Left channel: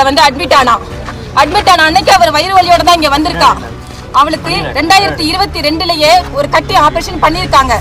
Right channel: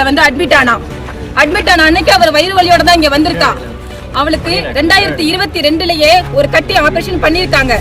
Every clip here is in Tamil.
ஹாஸ்பிட்டல்ல வந்து அட்மிட் ஆனா அன்னைக்கு அவர் வயிறு வலியோட தான் இங்க வந்திருக்கா. அவளுக்கு 2022லயே ஒரு கட்டி ஆபரேஷன் பண்ணிருக்காங்க.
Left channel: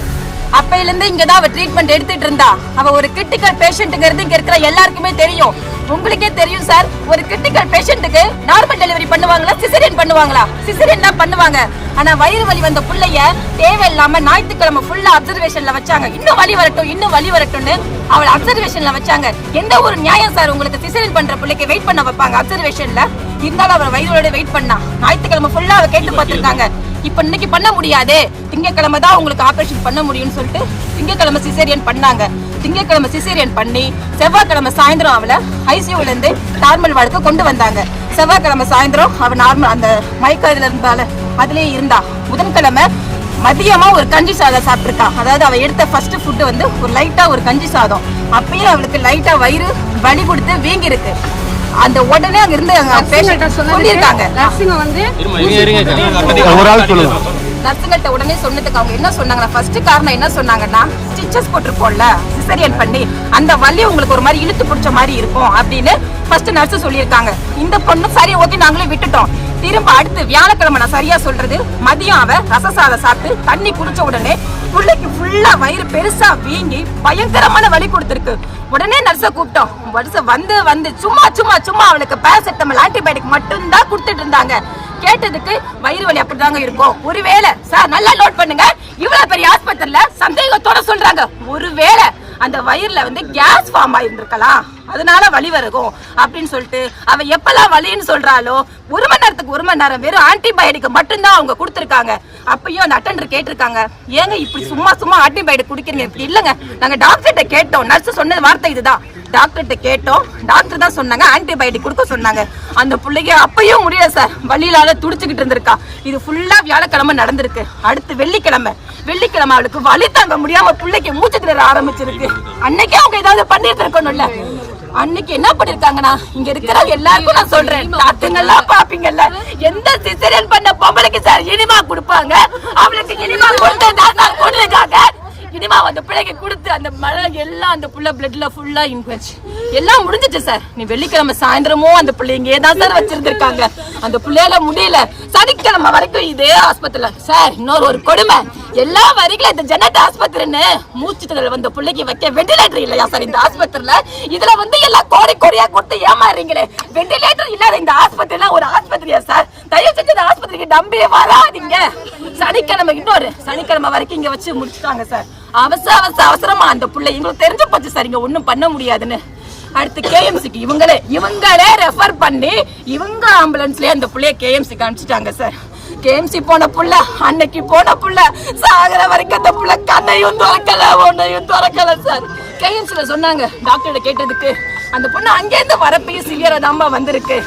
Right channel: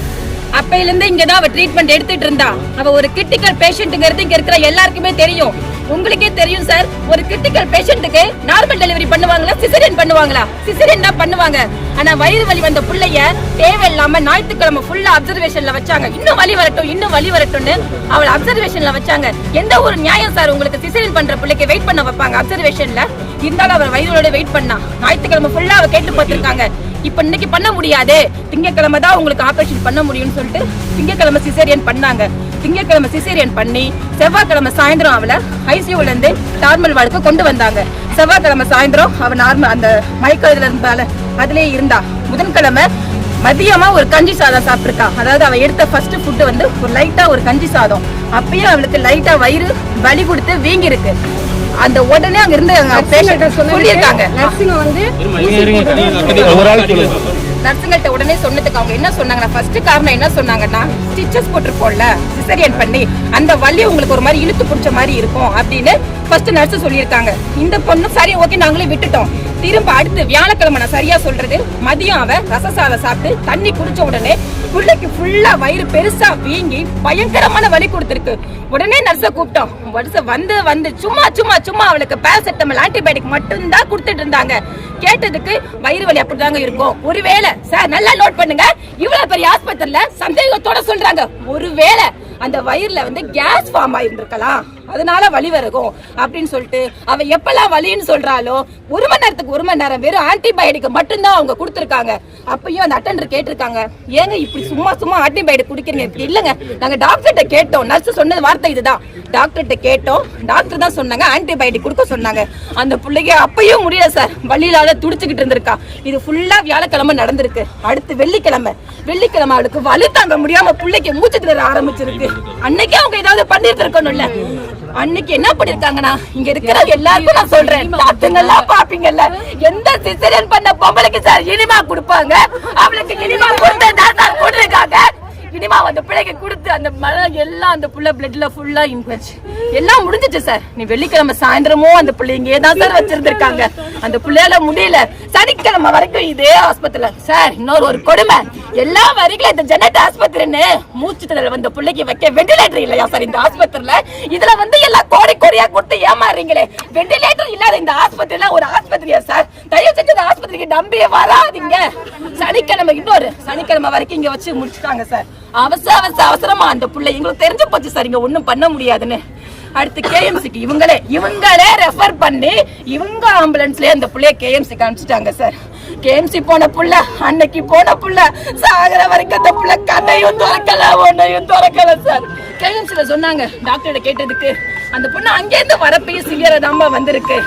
அப்பையிலிருந்து இங்கதான் அவ ட்ரீட்மெண்ட் எடுத்துட்டு இருந்தா. அவ ஒரு கிரிட்டிக்கல் பேஷண்ட்ங்கிறது இங்க இருக்கிற எல்லாருக்குமே தெரியும். உங்களுக்கே தெரியும் சார், ஒரு கிரிட்டிக்கல் பேஷண்ட்டுக்கு நார்மல் டெலிவரி பண்ணுவாங்களா, சிசேரியன் பண்ணுவாங்களா? சிசேரியன் தான் பண்ணுவாங்க. ஆனா வயிறு வலி வந்த புள்ளைய தேவையில்லாம ஞாயிற்றுக்கிழமை ஃபுல்லா அப்சர்வேஷன்ல வச்சாங்க. இன்னும் வலி வரட்டும்னு அவளை அப்சர்வேஷன்ல வச்சாங்க. எந்த ஒரு நியாயம் சார் உங்களுக்கு சிசேரியன் பண்ற பிள்ளைக்கு வெயிட் பண்ண வைப்பாங்க அப்சர்வேஷன்ல? இருந்தாலும் அவ வயிறோட வெயிட் பண்ணா. ஞாயிற்றுக்கிழமை ஃபுல்லா அவ கேட்டு பார்த்திருக்காங்க. இப்ப இன்னைக்கு பண்ண முடியாது, திங்கக்கிழமை தான் உங்களுக்கு ஆபரேஷன் பண்ண முடியும்னு சொல்லிட்டு திங்கக்கிழமை சிசேரியன் பண்ணாங்க. திங்கக்கிழமை சிசேரியன் பண்ணி செவ்வாய்க்கிழமை சாயந்தரம் அவளை ஐசியூல இருந்து நார்மல் வார்டுக்கு கொண்டு வந்தாங்க. செவ்வாய்க்கிழமை சாயந்தரம் அவ நார்மல் அந்த மயக்கத்துல இருந்தால அதுலயே இருந்தா. புதன்கிழமை மதியமா ஒரு கஞ்சி சாதம் சாப்பிட்டுருக்கா. அதாவது அவ எடுத்த ஃபர்ஸ்ட் ஃபுட் வந்து ஒரு லைட்டா ஒரு கஞ்சி சாதம். அப்பயே அவளுக்கு லைட்டா வயிறு வலி கொடுத்து வீங்கி இருக்கு. அந்த உடனே அங்க இருந்து சொல்லியிருக்காங்க. நர்ஸுங்கள்ட்ட உடனே சொன்னதுக்கு அவங்க என்ன சொன்னாங்கன்னா, ஃபர்ஸ்ட் காரணம் என்ன சொன்னாங்கன்னா, ஸ்டிச்சஸ் போட்டிருப்போம்ல சிசேரியன் பண்ணி, அந்த வலி உங்களுக்கு ஒரு மாதிரி இழுத்து பிடிச்ச மாதிரி இருக்கும் அப்படின்னு ஃபர்ஸ்ட் நர்ஸ் சொல்லியிருக்காங்க. இந்த பொண்ணு சரி ஓகே நாங்களே விட்டுட்டோம். திரும்ப அடுத்து வியாழக்கிழமை, நான் சரியா சொல்றது, மதியம் அவ ரசசாதம் சாப்பிட்டு தண்ணி குடிச்ச உடனே பிள்ளைக்கு ஃபுல்லா வயிறு பெருசா வீங்கி பயங்கரமான வலி கொடுத்திருக்கு. உடனே நர்ஸை கூப்பிட்டோம். வந்து சும்மா அவளுக்கு பேராசிட்டமால் ஆன்டிபயோட்டிக் மட்டும் தான் கொடுத்துட்டு இருந்தாங்க. கேட்டதுக்கு வயிறு வலி அப்படிதாங்க இருக்கும். ஒருவேளை சார் நல்லா நோட் பண்ணுங்க, இவ்வளவு பெரிய ஆஸ்பத்திரியில சந்தேகத்தோட சொல்றாங்க, ஒருவேளை அந்த வயிறுல வந்து கேஸ் ஃபார்ம் ஆயிருந்திருக்கலாம், அதனால வலி வருகும் அப்படின்னு சொல்லிட்டு அவ எப்பெல்லாம் வலின்னு சொல்றாளோ 1 மணி நேரத்துக்கு 1 மணி நேரம் வெறும் ஆன்டிபயோட்டிக் மட்டும்தான் அவங்க கொடுத்துருக்காங்க. அப்பயும் அந்த அட்டெண்டர் கேட்டிருக்காங்க, ஏங்க இப்படி சும்மா ஆன்டிபயோட்டிக் குடிக்கிறீங்க? இப்படி இல்லங்க, நாங்க டாக்டர்கிட்ட கேட்டோம். நர்ஸ் சொன்ன வார்த்தை இதுதான், டாக்டர்கிட்ட கேட்டோம், டாக்டர் தான் சொன்னாங்க ஆன்டிபயோட்டிக் கொடுக்க சொன்னாங்க. அந்த பிள்ளைக்கு அப்பயும் முடியல சார், வலியிலால துடிச்சுக்கிட்டு இருந்திருக்கா. இது ஃபுல்லா வியாழக்கிழமை நடந்திருக்கு. அடுத்து வெள்ளிக்கிழமை அவளுக்கு வலி தாங்க முடியாம பிள்ளைக்கு மூச்சு திணற ஆரம்பிச்சிருக்கு. அன்னைக்கே அவங்க ஏதாவது பண்ணிட்டு இருக்கணும்ல. அன்னைக்கு என்ன பண்ணிருக்காங்கன்னா, இங்க இருக்கிற எல்லாருக்கும் நான் சொல்றேன், டாக்டர்லாம் பாப்பீங்கல்ல, எந்த சிசேரியன் பண்ண பொம்பளைக்கு சார் இனிமா கொடுப்பாங்க, அவளுக்கு இனிமா கொடுத்துருக்காங்க. இனிமா அந்த பிள்ளைக்கு கொடுத்து அந்த மழை எல்லாம் அந்த புள்ள பிளட்ல ஃபுல்லா இன்ஃபெக்ஷன் எல்லாம் முடிஞ்சிச்சு சார். நீ வெள்ளிக்கிழமை சாயந்தரமும் அந்த பிள்ளை இங்கே தான் சார் வச்சிருந்திருக்காங்க. அந்த பிள்ளையால முடியல. சனிக்கிழமை வரைக்கும் இதே ஆஸ்பத்திரியில சார். இன்னொரு ஒரு கொடுமை, எல்லா வரைக்கும் இந்த ஜெனட் ஆஸ்பத்திரின்னு மூச்சு திணறல் வந்த பிள்ளைக்கு வைக்க வெண்டிலேட்டர் இல்லையா சார் இந்த ஆஸ்பத்திரியில? இதுல வந்து எல்லாம் கோடியா கொடுத்து ஏமாறீங்களே. வெண்டிலேட்டர் இல்லாத இந்த ஆஸ்பத்திரியில ஒரு ஆஸ்பத்திரியா சார்? தயவு செஞ்சு இந்த ஆஸ்பத்திரிக்கு நம்பியே வராதீங்க. சனிக்கிழமை வரைக்கும் இங்க வச்சு முடிச்சுட்டாங்க சார். அவசரமா அந்த பிள்ளை எங்களுக்கு தெரிஞ்சு போச்சு சார், இங்க ஒண்ணும் பண்ண முடியாதுன்னு. அடுத்து கேஎம்சிக்கு இவங்களே ரெஃபர் பண்ணி இவங்க ஆம்புலன்ஸ்லயே அந்த பிள்ளைய கேஎம்சிக்கு அனுப்பிச்சிட்டாங்க சார். கேஎம்சி போன புள்ள, அன்னைக்கு போன புள்ள சாகர வரைக்கும் அந்த புள்ள கண்ணையும் திறக்கல சார். கேஎம்சில சொன்னாங்க, டாக்டர்கிட்ட கேட்டதுக்கு அந்த பொண்ணு அங்கேருந்து வரப்பையும் சிவியரதாமா வந்திருக்கு.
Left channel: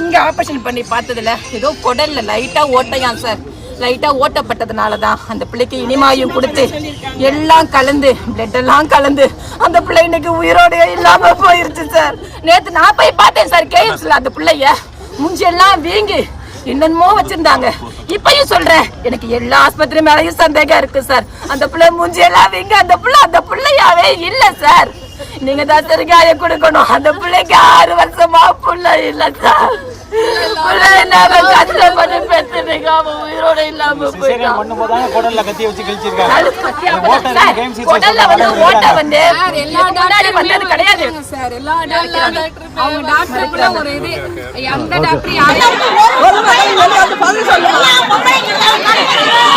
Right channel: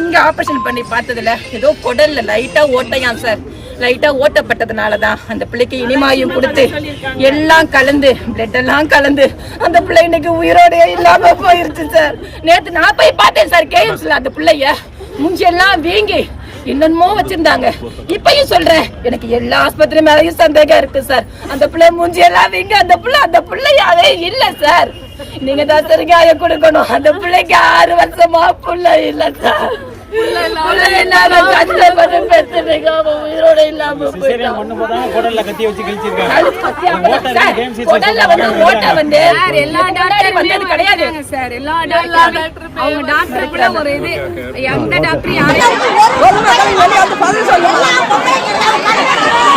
இங்க ஆபரேஷன் பண்ணி பார்த்ததுல ஏதோ குடல்ல லைட்டா ஓட்டையான் சார். லைட்டா ஓட்டப்பட்டதுனாலதான் அந்த பிள்ளைக்கு இனிமாயும் கொடுத்து எல்லாம் கலந்து பிளட் எல்லாம் கலந்து அந்த பிள்ளை இன்னைக்கு உயிரோட இல்லாம போயிருச்சு சார். நேத்து நான் போய் பார்த்தேன் சார் கேஎம்சில. அந்த பிள்ளைய மூஞ்சி எல்லாம் வீங்கி என்னென்னமோ வச்சிருந்தாங்க. இப்பயும் சொல்றேன், எனக்கு எல்லா ஆஸ்பத்திரி மேலயும் சந்தேகம் இருக்கு சார். அந்த பிள்ளை மூஞ்சி எல்லாம் வீங்க அந்த பிள்ளையாவே இல்ல சார். நீங்க தான் தெரியாய கொடுக்கணும். அந்த பிள்ளைக்கு 6 வருஷமா புள்ள இல்ல சார். உயிரோட இல்லாம ஒரு இது எந்த டாக்டர்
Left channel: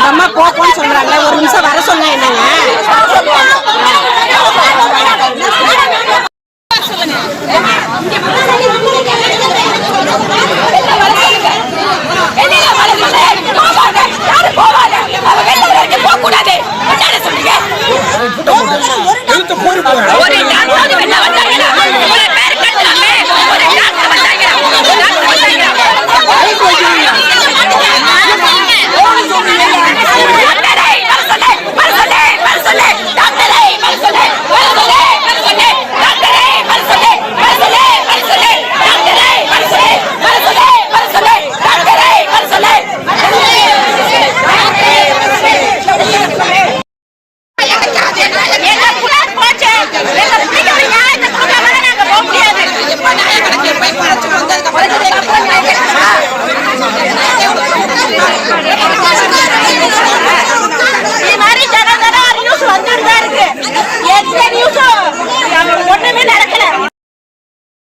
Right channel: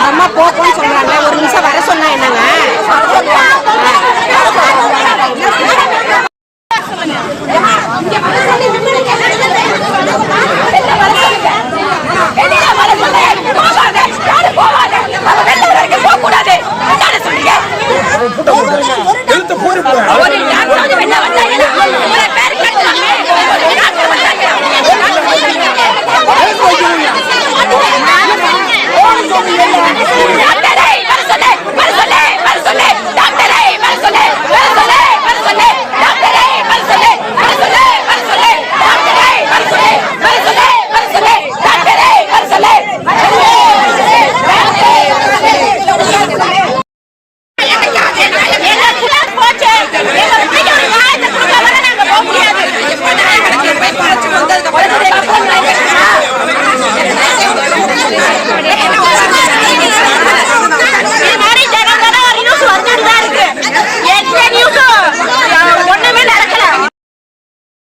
அம்மா போப்போன்னு சொல்றாங்க. ஒரு நிமிஷம் வர சொன்னா என்னங்க? ஒண்ணுமே நடக்கல.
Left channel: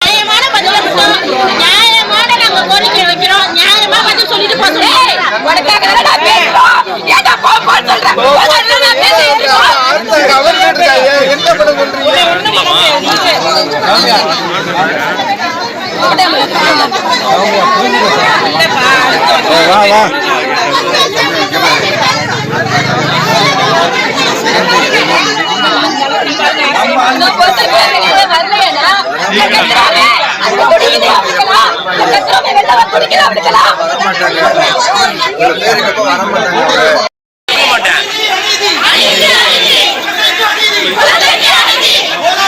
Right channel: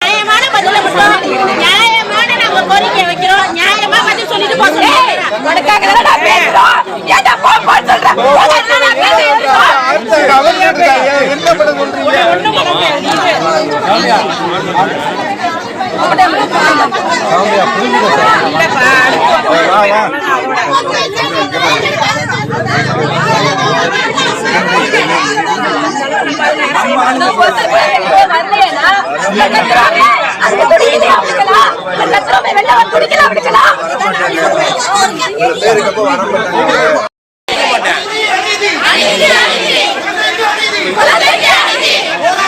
நியாயமான பதில மட்டும் நியாயமான நாங்க கோரிக்கை வைக்கிறோம். நியாயமா பதில் சொல்லிட்டு போறோம். உனக்காக என்னடா பேசுறோம்? ஏன்டா போன்னு சொல்ற? என்ன பண்ண சொல்றீங்க?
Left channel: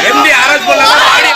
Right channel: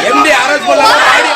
எம்டி அரசு பண்ணலாம் பாடி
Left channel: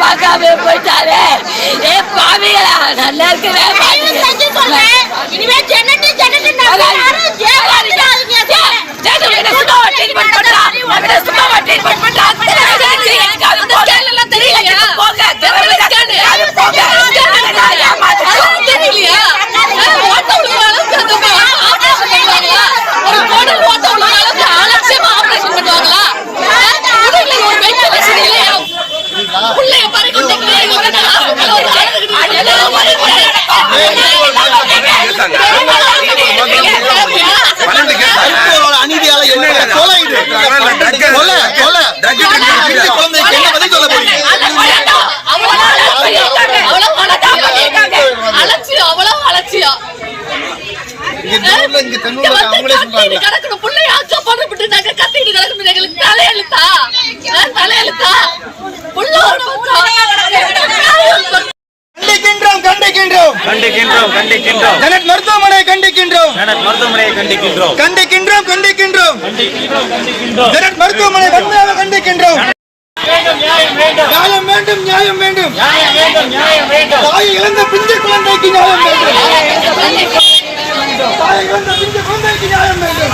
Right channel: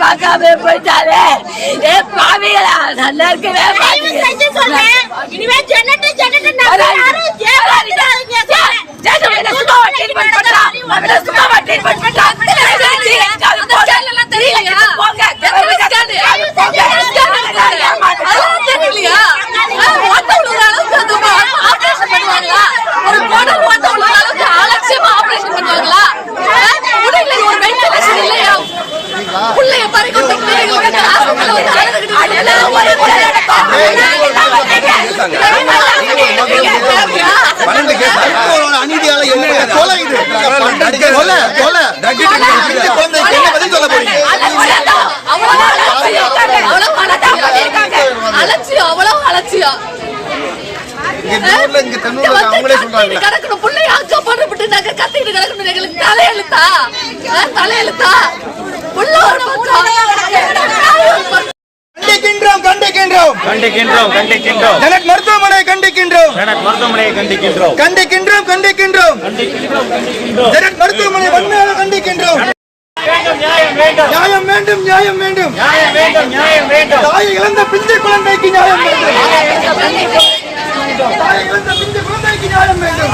பார்க்காம போயிட்டாரு. ஏ பாவிகளா, நல்லா இருக்கவே அநீதியால கொலை இது கொலை கொலை குழந்தைக்கு என்ன பதில் சொல்ல போறீங்க? அவ்வளவு அலட்சியம் கிடக்கணும் பிள்ளைய ஆக்கப்பட்டு நாங்க கத்திட்டு கிடக்கணும். எங்களுக்கு தலையெழுத்தா தலையெழுத்தா உள்ள ஒரு கண்டிக்கின்றோம் கண்டிக்கின்றோம் கண்டிக்கின்றோம் கண்டிக்கின்றோம் ஜெனட் மருத்துவமனை கண்டிக்கின்றோம் மருத்துவமனையை கண்டிக்கின்றோம் கண்டிக்கின்றோம் கண்டிக்கின்றோம் ஜெனட் மருத்துவமனை வன்மையாக கண்டிக்கின்றோம். நியாயம் வேண்டும் நியாயம் வேண்டும் நியாயம் வேண்டும் நியாயம் வேண்டும் தாய் இழந்த பிஞ்சு குழந்தைக்கு நியாயம் வேண்டும் தாய் இழந்த பிஞ்சு குழந்தைக்கு நியாயம் வேண்டும்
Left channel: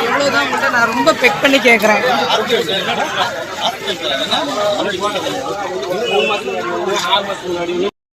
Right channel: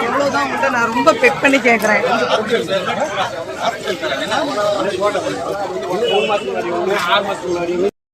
எவ்வளவுதான் உங்கள்கிட்ட நான் ரொம்ப பெக் பண்ணி கேட்கறேன்.